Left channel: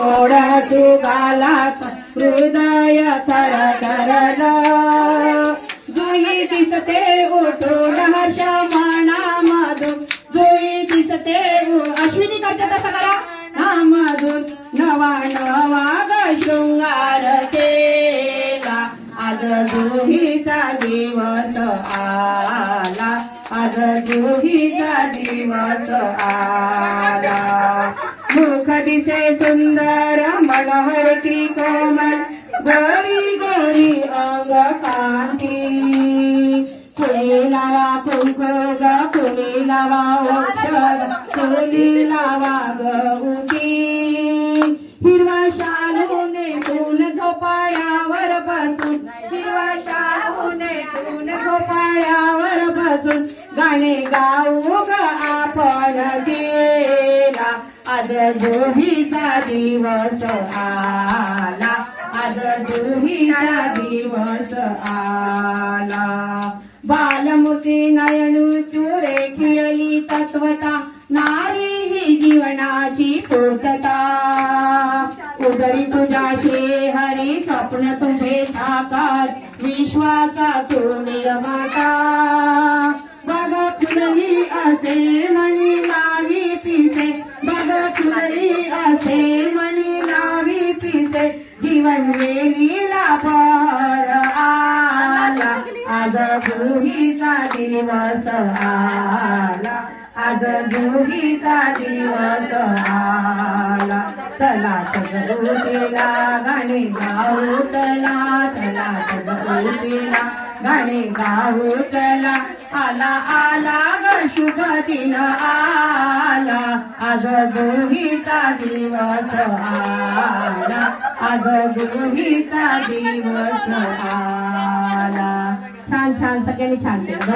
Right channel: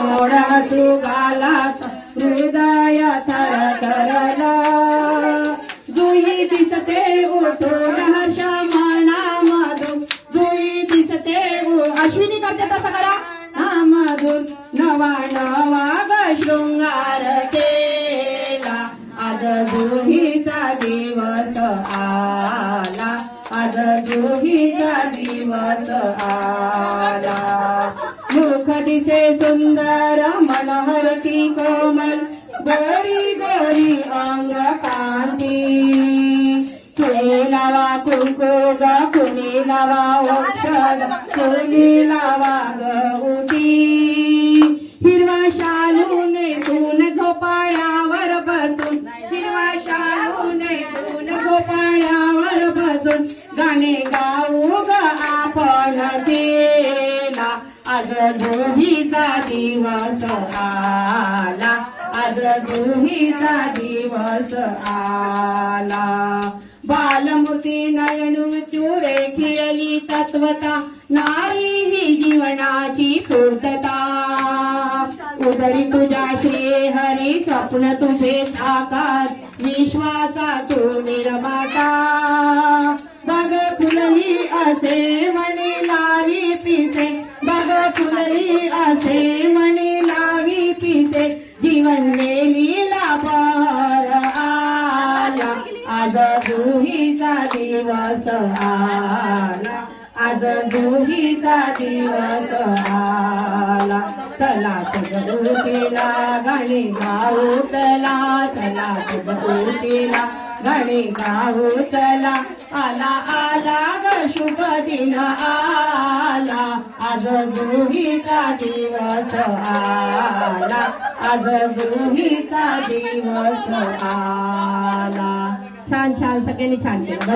थोडा तू गालात हृदय थरथरला जुई दिसते उठून हर्ष मनामधून जुई दिसते अश्विनी करते तसं करा मधून नवा नवा शृंगार केला आज जुहीचा दिवस आला आज जुहीचा दिवस आला मुख दिसे सुंदर मनमडकी कोमल गरी गरी अंग कांती कुणी लावा कुंकुगा कुणी लावा औषध कुणी लावा गौती हिरवा शालू नेसून झोपाळ्यावर बसून हिरवा शालू नेसून झोपाळ्यावर बसून गाणे गाऊ ग आपण केला आज जुहीचा दिवस आला आज जुहीचा दिवस आला बालमूर्ती नयन चुरे खिळली तत्वता नारी ही जीवनाची पूर्तता उदरी तुझ्या श्री हरी स्वप्न तुझे साकार विश्वाचा तू निर्माता बघ फुलली असे मनी लावी पिसे बघ फुलली असे मनी लावी पिसे जीवन वेलीला पर आला आज जुहीचा दिवस आला आज जुहीचा दिवस आला चला सजरूतीला गाणे गाऊ चला चला सजरूतीला गाणे गाऊ चला आला आला ग शुभ दिन आला आज जुहीचा दिवस आला आज जुहीचा दिवस आला छान छान सगळ्यांनी छान केलं।